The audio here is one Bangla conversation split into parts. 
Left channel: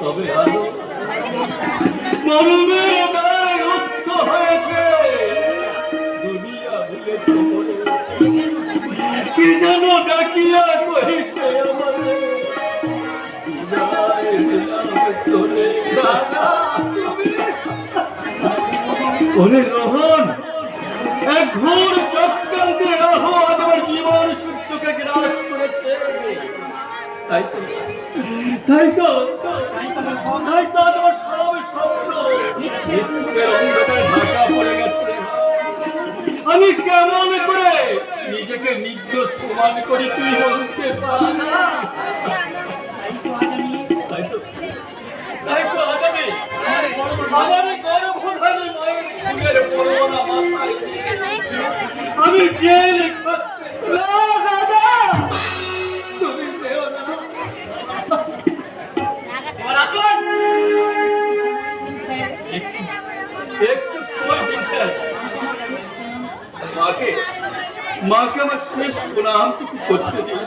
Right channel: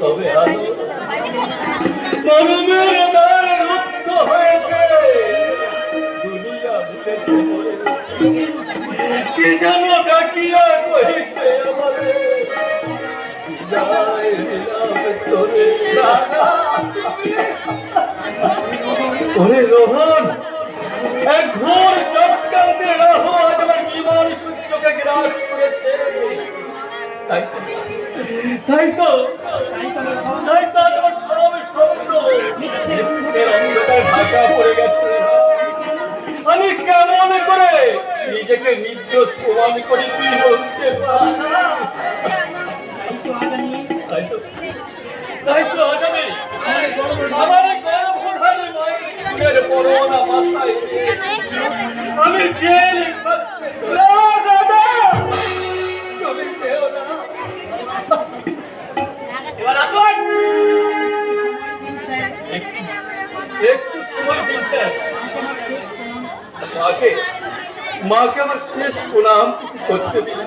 তবে আলো মরমের দ্বার রুদ্ধ হয়েছে, দুনিয়া ভুলেছে কি যেন ডাকিয়া কহিছে আমারে, ওরে রোহন, এক ঘোর চক্রান্তে রাহ আজ আমার জীবন সূর্যকে গ্রাস করেছে। তাই তো তোমার সব স্বপ্ন অন্ধকার ঢাকা পড়ে গেছে। আমি কেমন করে নিজেকে নির্দোষ প্রমাণ করে তুই বলতে পার? তাই তো আগামী আমার গর্ভধারী মায়ের খুনের করোনা মাথায় আমি জেল দাদা, তুমি পেও না। একটু সময় দিচ্ছেন মাকে আমার শেষ প্রণাম করতে দিন।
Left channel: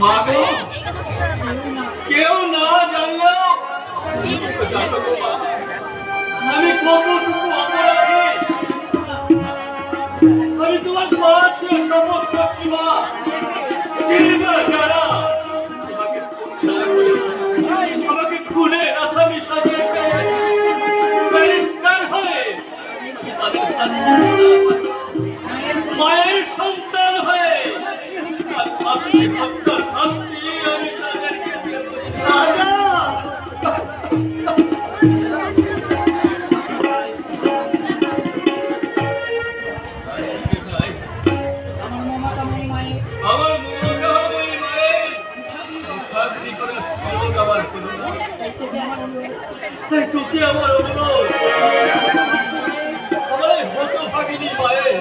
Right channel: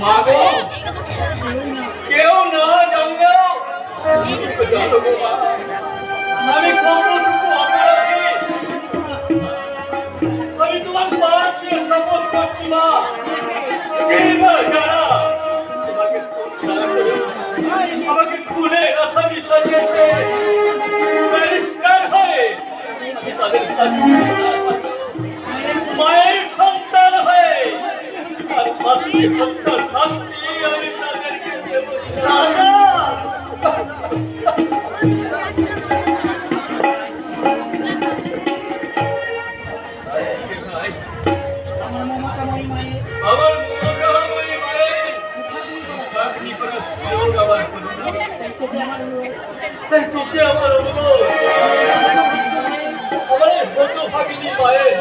মা গো, কেউ না জানলেও আমি কতটুকু অপরাধী আমি তোমার মা ছিল শপথ করছি। মা যারা আমাকে খুলে আসামি সাজিয়েছে ব্যারিস্টার হয়ে, তাদের মায়ের সন্তান হয়ে আর হত্যার শাস্তি আমি তাদেরকে দেব। তোকে আমার অনুরোধ, আমার এই হতভাগিনী মায়ের